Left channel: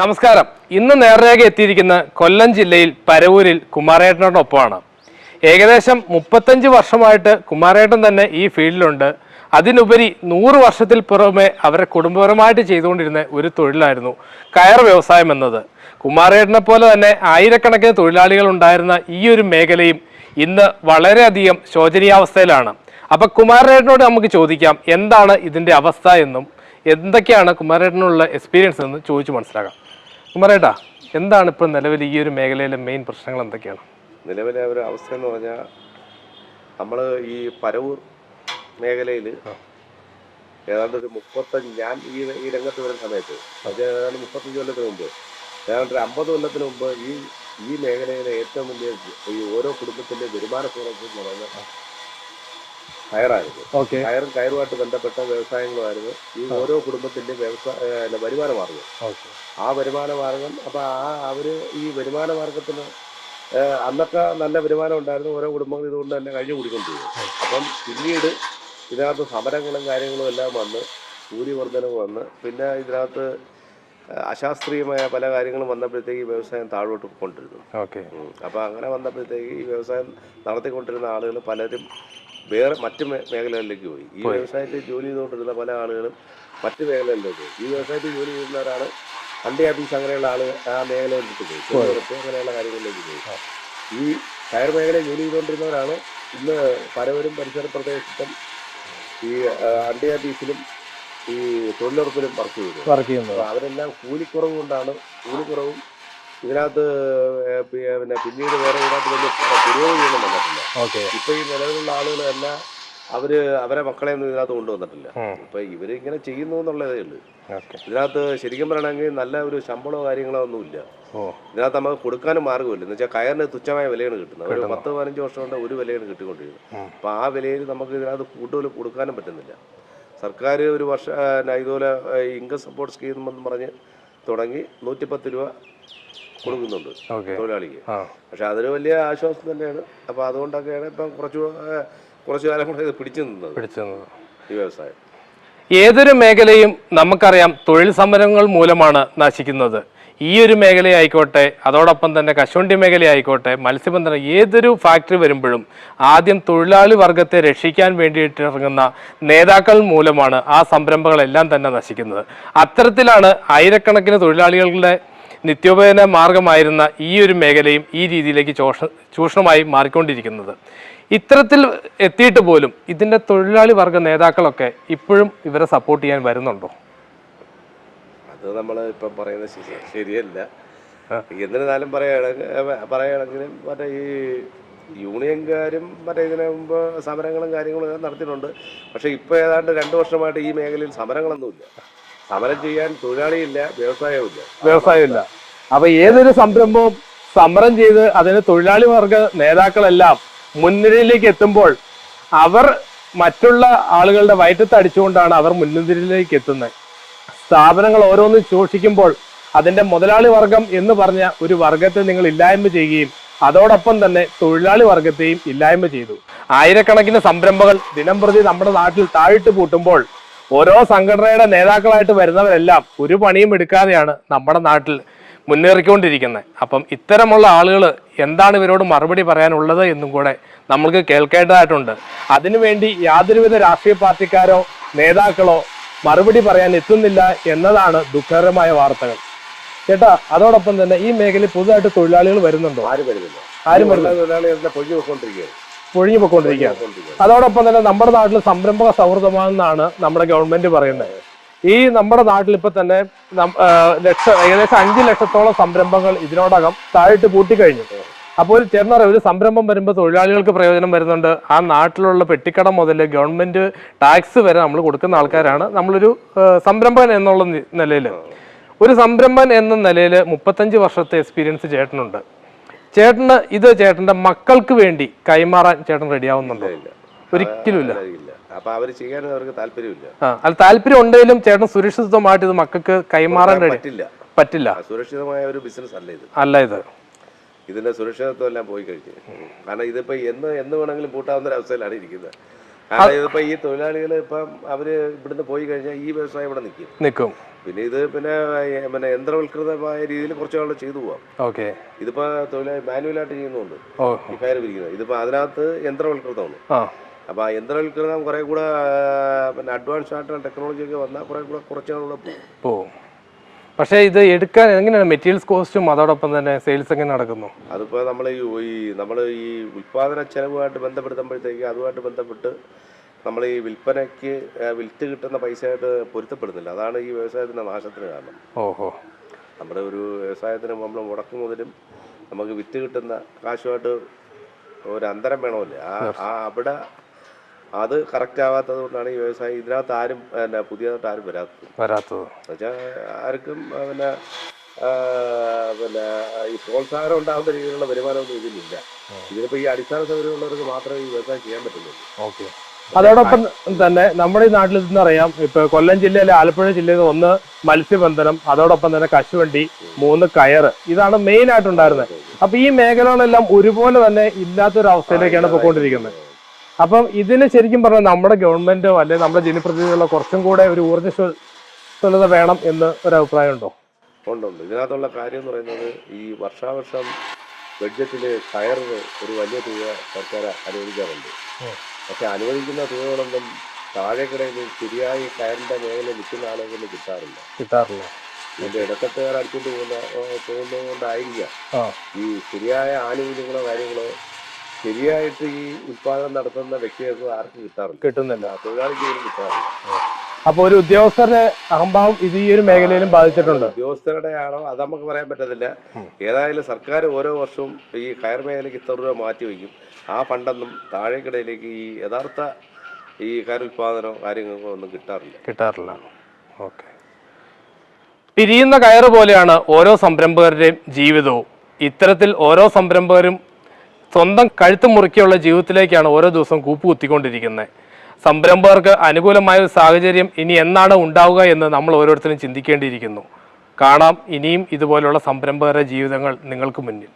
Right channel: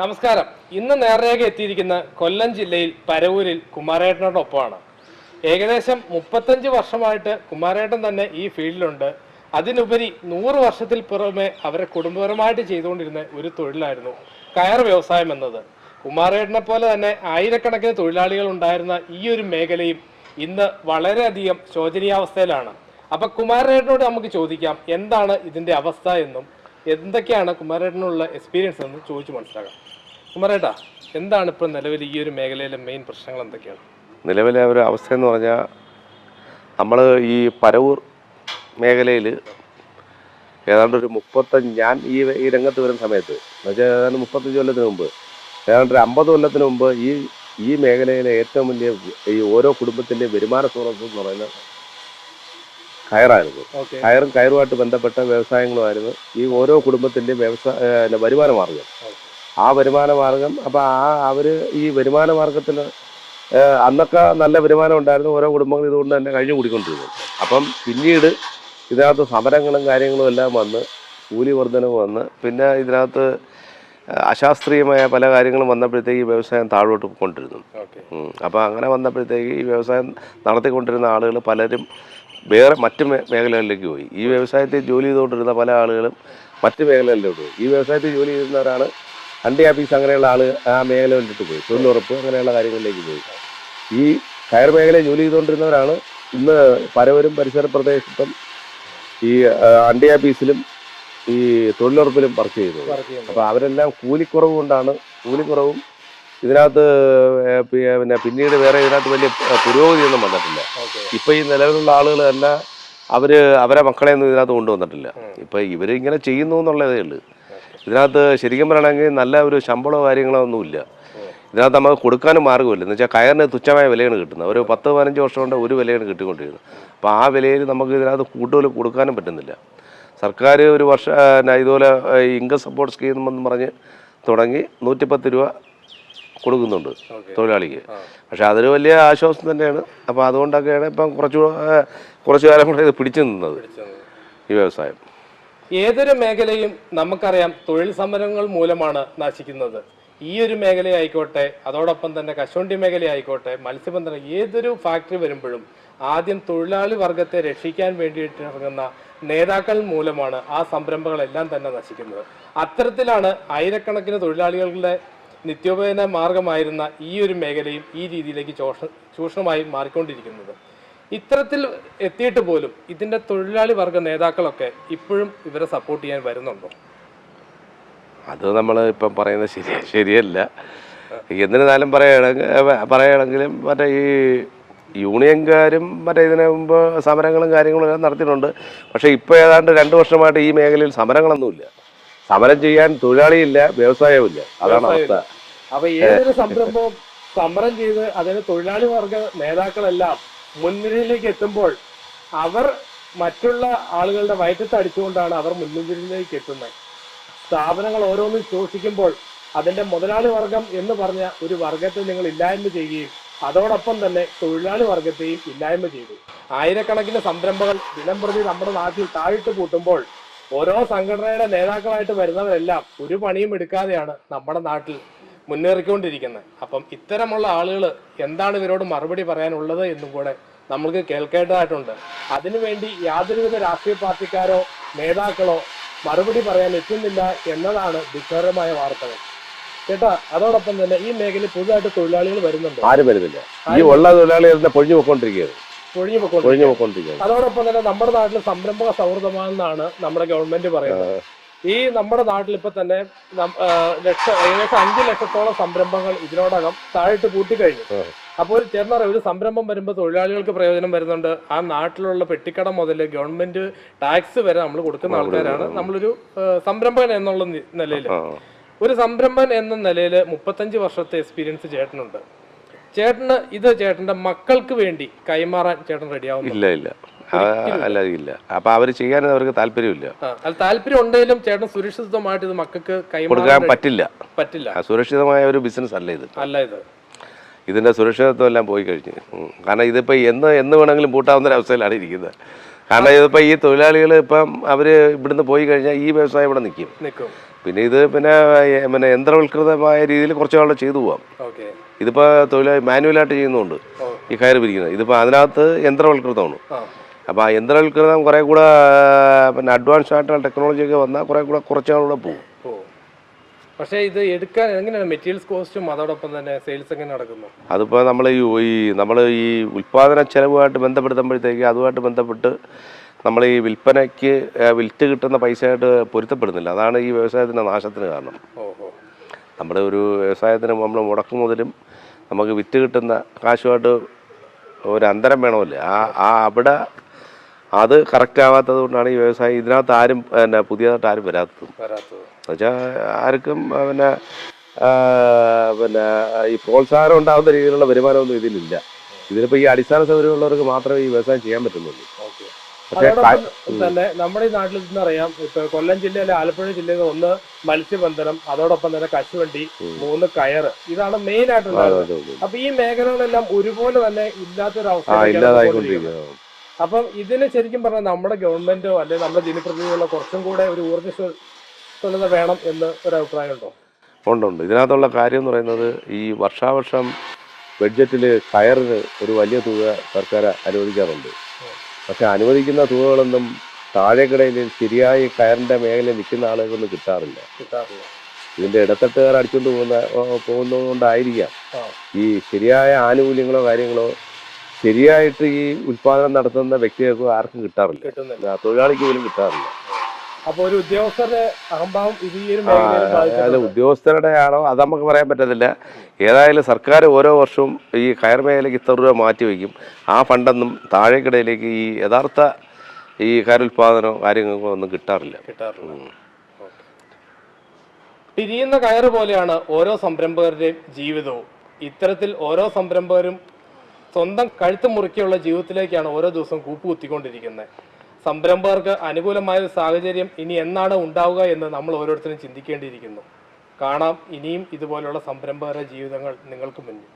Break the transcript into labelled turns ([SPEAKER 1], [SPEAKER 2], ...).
[SPEAKER 1] നമസ്കാരം. ഇന്ന് നേർരേഖ എത്തിയിരിക്കുന്ന കൊല്ലം ജില്ലയിൽ പരവൂരിൽ കുമാരേട്ടനോടൊപ്പമാണ്. ഏകദേശം മുപ്പത്തഞ്ച് വർഷമായിട്ട് കുമാരേട്ടൻ തന്നെ ഈ ഫീൽഡിലുണ്ട്. അതിനുപരി നൂറ് വർഷത്തിൽ പുറമെ അവരെ കുടുംബപരമായിട്ട് ചെയ്തുകൊണ്ടിരുന്ന ഒരു തൊഴിലായിരുന്നു കയർ വ്യവസായം എന്നത്. കുമാരേട്ടനെ പോലെ തന്നെ ആയിരക്കണക്കിന് തൊഴിലാളികൾ ഉണ്ടായിരുന്ന ഈ ഒരു മേഖലയും ഇന്ന് വളരെയധികം ശോചനീയാവസ്ഥയിലാണ്. അപ്പൊ കുമാരേട്ടനോട് നമുക്ക് ചോദിക്കാം എന്താണ് ഇതിന്റെ അവസ്ഥ എന്നും എന്തൊക്കെയാണ് കുമാരേട്ടനുള്ള എക്സ്പീരിയൻസ് എന്ന് ചോദിച്ചു മനസ്സിലാക്കാം. കുമാരേട്ടാ എന്താണ് ഇപ്പോൾ നിലവിൽ ഈ ഒരു മേഖലയിലെ മെയിൻ പ്രശ്നങ്ങൾ എന്തൊക്കെയാണ്?
[SPEAKER 2] നിലവിലെ ഒരു അവസ്ഥ എന്ന് പറഞ്ഞാൽ നമ്മൾ ഈ പരവൂർ മേഖലയിൽ ഏതാണ്ട് ഒരു മുപ്പത്തഞ്ച് ഞാൻ ഈ ഈ രംഗത്ത് വരുന്ന സമയത്ത് എന്നുവെച്ചാൽ ഏതാണ്ട് മുപ്പത്തഞ്ച് കൊല്ലത്തിന് മുമ്പ് ഏതാണ്ട് ഒരു അമ്പത് കൊല്ലത്തിന് മുമ്പ് ഈ ഈ മേഖലയിലെ ഏറ്റവും വലിയ ഈ ഓരോ കുടുംബത്തിന്റെയും വരുമാന സ്രോതസ് എന്ന് പറയുന്നത് കയറായിരുന്നു.
[SPEAKER 1] ഓക്കെ.
[SPEAKER 2] കയറും കയറുമായിട്ട് ബന്ധപ്പെട്ട വ്യവസായങ്ങളുമായിരുന്നു ഈ ഓരോ കുടുംബത്തിന്റെയും വ്യവസായ വരുമാന മാർഗം
[SPEAKER 1] ഓക്കെ.
[SPEAKER 2] ആ വരുമാന മാർഗം അപ്പോൾ ആ അവർ ഈ വരുമാന മാർഗത്തിന് അന്നൊക്കെ നല്ല വരുമാനം ഉണ്ടായിരുന്നു ഓരോ കുടുംബങ്ങൾ ഇതുകൊണ്ട് തന്നെ കഴിഞ്ഞു കൂടിക്കൊണ്ടിരുന്നു. അപ്പം പിന്നീട് ഇതിനകത്ത് സമരങ്ങളും കാര്യങ്ങളും എല്ലാം വന്ന് കൂലി വർധനവ് വന്ന് പിന്നെ ഇതിനകത്ത് അശാസ്ത്രീയമായ പല കാര്യങ്ങളും വന്നപ്പോഴത്തേക്ക് ഈ വ്യവസായം താഴോട്ട് കൊണ്ടിരുന്നു.
[SPEAKER 1] ഓക്കെ.
[SPEAKER 2] അപ്പോൾ അങ്ങനെ വന്നപ്പോഴത്തേക്ക് ഈ വ്യവസായം നടത്തിക്കൊണ്ടിരുന്ന ആളുകൾ പലരും വേറെ മറ്റ് മേഖലകളിലേക്ക് പോയി. ഈ വ്യവസായത്തിൽ ജോലി ചെയ്തുകൊണ്ടിരുന്ന പല ആളുകളും മറ്റ് മേഖലകളിലേക്ക് പോയി. ഈ വ്യവസായത്തിൽ ജോലി ചെയ്യുന്നവരാണ് അണ്ടി ആഫീസ് അങ്ങനെയുള്ള ആൾ ആ മേഖലകളിലേക്ക് പോയി. തൊഴിലുറപ്പ് അങ്ങനെയുള്ള കാര്യങ്ങളിലേക്ക് പോയി. ഈ കയർ മേഖലയിൽ ജോലി ചെയ്തുകൊണ്ടിരുന്നവരാണ് ഇന്ന് പരവരും പരിസര പ്രദേശത്തും ഈ അണ്ടി ആഫീസിലും ഈ തൊഴിലുറപ്പിലും വർക്ക് ചെയ്തു
[SPEAKER 1] വർക്ക് ചെയ്യുന്നത്.
[SPEAKER 2] അപ്പോൾ അവരെല്ലാം കൂലിക്കുറവ് കൊണ്ടാണ് കൂലിക്കുറവും ഇതിനകത്ത് പിന്നെ പിന്നീട് വേറെ ഇതിനകത്ത് വലിയ പുരോഗതിയൊന്നും വന്നിട്ടില്ല. ഇപ്പൊ ഈ നിലവിലുള്ള ആളുകൾ തന്നെ അവർ അവരെ മക്കളെ ഒന്നും ഇതിനകത്ത് കൊണ്ടുവന്നിട്ടില്ല. ഇപ്പൊ ഇവർ ഇങ്ങനെ ചെയ്യുന്നു എന്നുള്ളതേ ഉള്ളൂ. ഇതിനകത്ത് ശരിക്കും പറയണമെങ്കിൽ നല്ല ഒരു ശമ്പളമോ കാര്യങ്ങളോ ഒന്നുമില്ല ഇതിനകത്ത് നമുക്ക് കൊടുക്കാനും മാർഗമില്ല എന്ന് വെച്ചാൽ കയറിന് തുച്ഛമായ വിലയാണ് കിട്ടുന്നത്. ഒരു പത്ത് പതിനഞ്ച് വർഷം കൊണ്ട് ഒരു വിലയാണ് കിട്ടിക്കൊണ്ടിരിക്കുന്നത്. അപ്പോൾ ആ വിലയിൽ നമുക്ക് ഇതിനകത്ത് കൂടുതൽ കൊടുക്കാനും പറ്റുന്നില്ല. സർക്കാർ ഒരു വർഷം ഇതുപോലെ ഇൻകം സപ്പോർട്ട് സ്കീം എന്ന് പറഞ്ഞ് തുടങ്ങി നൂറ്റിപ്പത്ത് രൂപ കൊടുക്കുന്നുണ്ട് തൊഴിലാളിക്ക്. പക്ഷെ അതൊരു വലിയ ആശ്വാസം തന്നെയാണ്. അപ്പോൾ അതുകൊണ്ടൊക്കെയാണ് ഇപ്പം കുറച്ചു കുറച്ചു കാലം കൂടെ ഇത് പിടിച്ചു നിന്നത് ഈ വ്യവസായം.
[SPEAKER 1] ഏതൊരു മേഖലയും നമുക്കറിയാം തൊഴിൽ സമരങ്ങൾ മൂലമാണ് നശിക്കുന്നത്. ഈ ഒരു മേഖലയായിക്കോട്ടെ അതോടൊപ്പം തന്നെ കശുവണ്ടി മേഖലയായിക്കോട്ടെ മത്സ്യബന്ധനം ഏതൊരു ഫാക്ടറി വരുമ്പോഴും ആദ്യം തൊഴിലാളി വർഗത്തെ രക്ഷിക്കാൻ വേണ്ടിയിട്ട് ഇറങ്ങുന്ന നേതാക്കൾ മൂലമാണ് ആ സംരംഭങ്ങളെല്ലാം തന്നെ നശിക്കുന്നത്. അത്തരത്തിലാണ് ആയിരക്കണക്കിന് തൊഴിലാളികളുടെ നിത്യോപയോഗ മാർഗമായിരുന്ന ഈ ഒരു മേഖലയും ഈ രീതിയിലേക്ക് ചോഷ ചൂഷണമായി മാറിക്കൊണ്ടിരിക്കുന്നത്. ഇത്തരത്തിൽ എത്തിയിട്ട് പോലും ഇതിന്റെ തൊഴിലാളി വർഗ നേതാക്കളൊക്കെ ഇപ്പോഴും ഇവരെ സപ്പോർട്ട് ചെയ്യാൻ വരുന്നുണ്ടോ?
[SPEAKER 2] അത് നമ്മൾ ഇപ്പം പറയുന്നത് ശരി ശരിയല്ല. എന്നിരുന്നാലും പറയുകയാണെങ്കിൽ പറയുകയാണെങ്കിലും മറ്റേ ഈ യൂണിയൻകാരും മറ്റേ ഇതിനു മുമ്പ് സമരങ്ങളും കാര്യങ്ങളും നടത്തിയിട്ടുണ്ട്. പക്ഷേ ഇപ്പോൾ ഏതാണ്ട് രണ്ട് വർഷമായിട്ട് ഈ മേഖലയിൽ സമരങ്ങളൊന്നുമില്ല. സമരം ചെയ്യാൻ തൊഴിലാളിയില്ല
[SPEAKER 1] വ്യവസായമില്ല
[SPEAKER 2] അവസ്ഥ.
[SPEAKER 1] അപ്പൊ ഏതൊരു സംരംഭവും സമരം ചെയ്ത് അതിന് തൊഴിലാളി വർഗ നേതാക്കളെല്ലാം മുൻനിരയിലേക്ക് എത്തുമ്പോൾ അവർ മറ്റുള്ള ആളുകളുടെ വയറ്റത്ത് അടിച്ചുകൊണ്ടാണ് അവർ മുൻനിരയിലേക്ക് എത്തുന്നത്. സ്ഥാപനങ്ങൾ ഓരോന്നും ശോഷിക്കുമ്പോൾ അതിന്റെ മുതലാളി വർഗം എന്ന് പറഞ്ഞ ഒരു വർഗത്തെ നിങ്ങൾ ഇല്ലായ്മ ചെയ്യുകയും അതോടൊപ്പം തന്നെ തൊഴിലാളി വർഗത്തെയും ഇല്ലായ്മ ചെയ്തു. ആയിരക്കണക്കിന് സംരംഭങ്ങൾ ദിനം പ്രതി നമ്മുടെ നാട്ടിൽ താഴിട്ട് പൂട്ടുമ്പോൾ ഓരോ സംഘടനയുടെ നേതാക്കളായിട്ട് വരുന്നവരെല്ലാം ഒരു പണിയും എടുക്കാതെയാണ് നമ്മുടെ നാട്ടിൽ മുന്നേറിക്കൊണ്ടിരിക്കുന്നത്. അപ്പം ഇത്തരമുള്ള ആളുകൾ എന്താണ് ഇവരോട് മറുപടി പറയാനുള്ളത് എന്നും കൂടെ നമ്മൾക്ക് കേൾക്കേണ്ടതായിട്ടുണ്ട്. അതിനുവേണ്ടി യാതൊരുവിധ രാഷ്ട്രീയ പാർട്ടിക്കാരോ നേതാക്കളോ മറുപടി പറയാൻ എത്തുന്നില്ല എന്നതാണ് ദുഃഖകരമായ വാർത്തകൾ. ചേട്ടാ അതോടൊപ്പം തന്നെ ഈ മേഖലയിൽ പുതുതായിട്ട് തൊഴിലാളികൾ വരുന്നുണ്ടോ?
[SPEAKER 2] ആരും വരുന്നില്ല. ആരും ഉള്ള തൊഴിലാളികളെ പൊഴിഞ്ഞു പോയിക്കൊണ്ടിരിക്കുകയാണ്.
[SPEAKER 1] പൊഴിഞ്ഞു
[SPEAKER 2] പോയിക്കൊണ്ടിരിക്കുകയാണ്
[SPEAKER 1] അതോടൊപ്പം തന്നെ നമ്മുടെ നാട്ടിൽ സംരംഭക സൗഹൃദമാണെന്നാണ് നമ്മുടെ ഗവൺമെന്റ് പറയുന്നത്. ഈ നമ്മുടെ നാട്ടിൽ ഇപ്പൊ തന്നെ ലക്ഷ ഏകദേശം അഞ്ചു ലക്ഷത്തോളം സംരംഭങ്ങൾ ഇതിനോടകം താഴിട്ട് പൂട്ടിക്കഴിഞ്ഞു അപ്പോൾ ഒരു ചേർന്ന ഒരു സംരംഭം വരുമ്പോൾ തൊഴിലാളികൾക്ക് പ്രയോജനം വരുന്നുണ്ട്. ആ നാട്ടിലുള്ള പെട്ടിക്കടം മുതൽ ഗവൺമെന്റ് ടാക്സ് വരെ നമ്മൾ കൊടുക്കുന്ന ആൾക്കാരാണ്. നമ്മളൊരു സംരംഭകൻ എന്നുള്ള നിലയിൽ ഒരു സംരംഭൻ എന്ന നിലയിൽ മുപ്പത്തഞ്ച് വർഷത്തെ എക്സ്പീരിയൻസ് ചേട്ടനുണ്ട്. ചേട്ടന് ഇത് ചേട്ടന്റെ മക്കൾക്ക് വേണ്ടി കൈമാറാൻ ചേട്ടൻ റെഡിയാവുന്നില്ല
[SPEAKER 2] ഇല്ല
[SPEAKER 1] ഒരിക്കലും
[SPEAKER 2] അപ്പൊ അവർ ചെയ്യാൻ അവർക്ക് താല്പര്യമില്ല.
[SPEAKER 1] അത് താല്പര്യം ഉണ്ടെങ്കിലും ചേട്ടൻ സുരക്ഷിതമായിട്ട് ഇത് മക്കൾക്ക് കൈമാറാൻ
[SPEAKER 2] പറ്റില്ല.
[SPEAKER 1] പറ്റില്ല.
[SPEAKER 2] സുരക്ഷിതമായ ഒരു ബിസിനസ് അല്ല ഇത്.
[SPEAKER 1] അല്ല ഇത്.
[SPEAKER 2] ഇതിന്റെ സുരക്ഷിതത്വം എല്ലാം പോയി കഴിഞ്ഞു. കാരണം ഇതിപ്പോ എന്ന് എന്ന് വേണമെങ്കിലും പൂട്ടാവുന്ന ഒരു അവസ്ഥയിലാണ് ഇരിക്കുന്നത്. കാരണം ഇതിപ്പോ ഈ തൊഴിലാളികൾ ഇപ്പം അവർ ഇവിടുന്ന് പോയി കഴിഞ്ഞാൽ ഈ വ്യവസായം ഇവിടെ നിൽക്കും
[SPEAKER 1] നിൽക്കും
[SPEAKER 2] പിന്നെ ഇത് പിന്നെ പിന്നെ യന്ത്രവൽകൃതമായ രീതിയിൽ കുറച്ച് നാളെ ചെയ്തു പോവാം.
[SPEAKER 1] ഓക്കെ.
[SPEAKER 2] ഇതിപ്പോ തൊഴിലാളി മാനുവലായിട്ട് ചെയ്യുന്നുണ്ട്. ഈ കയറ് പിരിക്കുന്നത് ഇതിപ്പോ അതിനകത്ത് യന്ത്രവൽകൃതമാണ്. അപ്പൊ ആ യന്ത്രവൽകൃതം കുറെ കൂടെ പിന്നെ അഡ്വാൻസ് ആയിട്ടുള്ള ടെക്നോളജി ഒക്കെ വന്നാൽ കുറെ കൂടെ കുറച്ച് നാളുകൂടെ പോകും
[SPEAKER 1] പക്ഷേ ഇത് എടുക്കാൻ എങ്ങനെയാണ്? മെറ്റീരിയൽസ് കോസ്റ്റും അതോടൊപ്പം തന്നെ സെയിൽസ് എങ്ങനെ നടക്കുന്നു?
[SPEAKER 2] അതിപ്പോൾ നമ്മൾ ഈ നമ്മൾ ഈ ഉൽപാദന ചെലവുമായിട്ട് ബന്ധപ്പെടുത്തുമ്പോഴത്തേക്ക് അതുമായിട്ട് ബന്ധപ്പെട്ട് നമ്മൾ ഈ വിൽപ്പനയ്ക്ക് വിൽറ്റ് കിട്ടുന്ന പൈസയായിട്ട് പൊരുത്തപ്പെടുന്നില്ല. അതാണ് ഈ വ്യവസായത്തിന്റെ നാശത്തിന് കാരണം.
[SPEAKER 1] ഓഹോ.
[SPEAKER 2] നമ്മുടെ ഒരു വ്യവസായത്തിന് നമ്മൾ മുടക്കും മുതലും നമുക്ക് വിറ്റ് കിട്ടുന്ന കാശുമായിട്ട് ഒരു അന്തരം വേണമല്ലേ? ആ ആ അവിടെ അത് കറക്റ്റ് ആവാത്തത് കൊണ്ടാണ് ഈ വ്യവസായം ഇതിനകത്ത് ആരും പിന്നെ പുതിയതായിട്ട് ആരും വരാത്തത്.
[SPEAKER 1] വരാത്തത്.
[SPEAKER 2] എന്നുവെച്ചാൽ ആർക്കും പിന്നെ പിന്നെ ഈ പ്രോത്സാഹനം ഉണ്ടാകുന്ന രീതിയിലുള്ള വരുമാനമൊന്നും ഇതിലില്ല. ഇതിലിപ്പോൾ ഈ അടിസ്ഥാന സൗകര്യമുള്ളവർക്ക് മാത്രമേ ഈ വ്യവസായം ചെയ്യാൻ പറ്റുന്നുള്ളൂ.
[SPEAKER 1] ഓക്കെ. അതോടൊപ്പം തന്നെ നമ്മുടെ ഈ നാട്ടിൽ നിന്ന് അറിയാം. ഇപ്പൊ കൊല്ലം ജില്ലയിലെ ആലപ്പുഴ ജില്ലയിൽ ഒന്ന് മത്സ്യബന്ധനം അതോടൊപ്പം തന്നെ കശുവണ്ടി മൂന്ന് കയറ് ഇതാണ് മെയിൻ ആയിട്ട് ഉണ്ടായിരുന്നത്. അപ്പൊ ഈ മേഖലകളെല്ലാം ഒരുപോലെ തന്നെ ഇല്ലാത്തൊരു അവസ്ഥയിലേക്കാണ് പോയിക്കൊണ്ടിരിക്കുന്നത്. അപ്പം ഇതിന് ശരിക്കും പറഞ്ഞാൽ നമ്മുടെ ഗവൺമെന്റോ അല്ലെങ്കിൽ നമ്മുടെ ജനപ്രതിനിധികളോ കുറച്ചും കൂടെ ഒരു ഊർജസ്വലത വേണം എന്ന് ഒരു അഭിപ്രായം ഉണ്ടോ?
[SPEAKER 2] ഉണ്ടുണ്ട് ഇതിനകത്തുള്ള കാര്യം എന്ന് പറയുന്നത് ഈ വർഷാവർഷം ബഡ്ജറ്റിൽ കയറിന് ഒരു വലിയ തുക സർക്കാർ അനുവദിക്കാറുണ്ട്. പക്ഷെ അനുവദിക്കുന്ന തുകകളൊന്നും താഴെക്കിടയിൽ ശരിയായി കയറിന്റെ മേഖല നിൽക്കുന്ന ആളുകളൊന്നും കിട്ടാറില്ല.
[SPEAKER 1] കിട്ടാറില്ല.
[SPEAKER 2] ഇതിന്റെ ഇടത്തട്ടുകാർ അടിച്ചുകൊണ്ട് പോകുന്ന പോകുന്നതുകൊണ്ടായിരിക്കാം. ഈ ശരിയായ ആനുകൂല്യങ്ങളോ കാര്യങ്ങളോ ശരിയായിട്ട് ഈ ഉത്പാദനം നടത്തുന്ന വ്യക്തികൾക്ക് ആർക്കും കിട്ടാറില്ല.
[SPEAKER 1] കിട്ടുന്നില്ല.
[SPEAKER 2] തൊഴിലാളിക്ക് പോലും കിട്ടാറില്ല.
[SPEAKER 1] അപ്പൊ ഒരു ഉദ്യോഗസ്ഥരുടെ അഹംഭാവം ഇത് ഈ ഒരു മേഖലയിലും ബാധിച്ചിട്ടുണ്ട്.
[SPEAKER 2] ഉദ്യോഗസ്ഥരുടെ ആണോ അത് നമുക്ക് പറയാൻ പറ്റത്തില്ല. ഏതായാലും സർക്കാർ ഓരോ വർഷവും ഈ കയർ മേഖലയ്ക്ക് ഇത്ര രൂപ മാറ്റി വയ്ക്കും. ആ ഫണ്ടൊന്നും താഴേക്കിടയിലേക്ക് ഈ യഥാർത്ഥ ഈ കയറുൽപാദനമോ കാര്യങ്ങൾക്കോ ഒന്നും കിട്ടാറില്ല.
[SPEAKER 1] കിട്ടാറില്ല. ഓക്കെ. പിരിയുന്ന കയർ പോലെയാണ് ഓരോ സംരംഭകരുടെയും ജീവിതവും. ഇത്തരത്തിൽ ഓരോ സംരംഭകരും സ്വന്തം കഴുത്ത് മുറുക്കിയുള്ള ജീവിതത്തിലേക്കാണ് ഓരോ ദിവസവും കൂപ്പുകുത്തിക്കൊണ്ടിരിക്കുന്നത്. സംരംഭകർക്ക് അനുകൂലമായ ഒരു സാഹചര്യം ഇനി എന്നാണ് ഉണ്ടാവുക എന്ന് നമ്മൾ ഓരോരുത്തരും ചിന്തിക്കേണ്ടിയിരിക്കുന്നു. കാണാം ഇനിയും ഇതുപോലുള്ള സംരംഭകരുടെ ജീവിതങ്ങൾ നിങ്ങൾക്ക് മുന്നിൽ.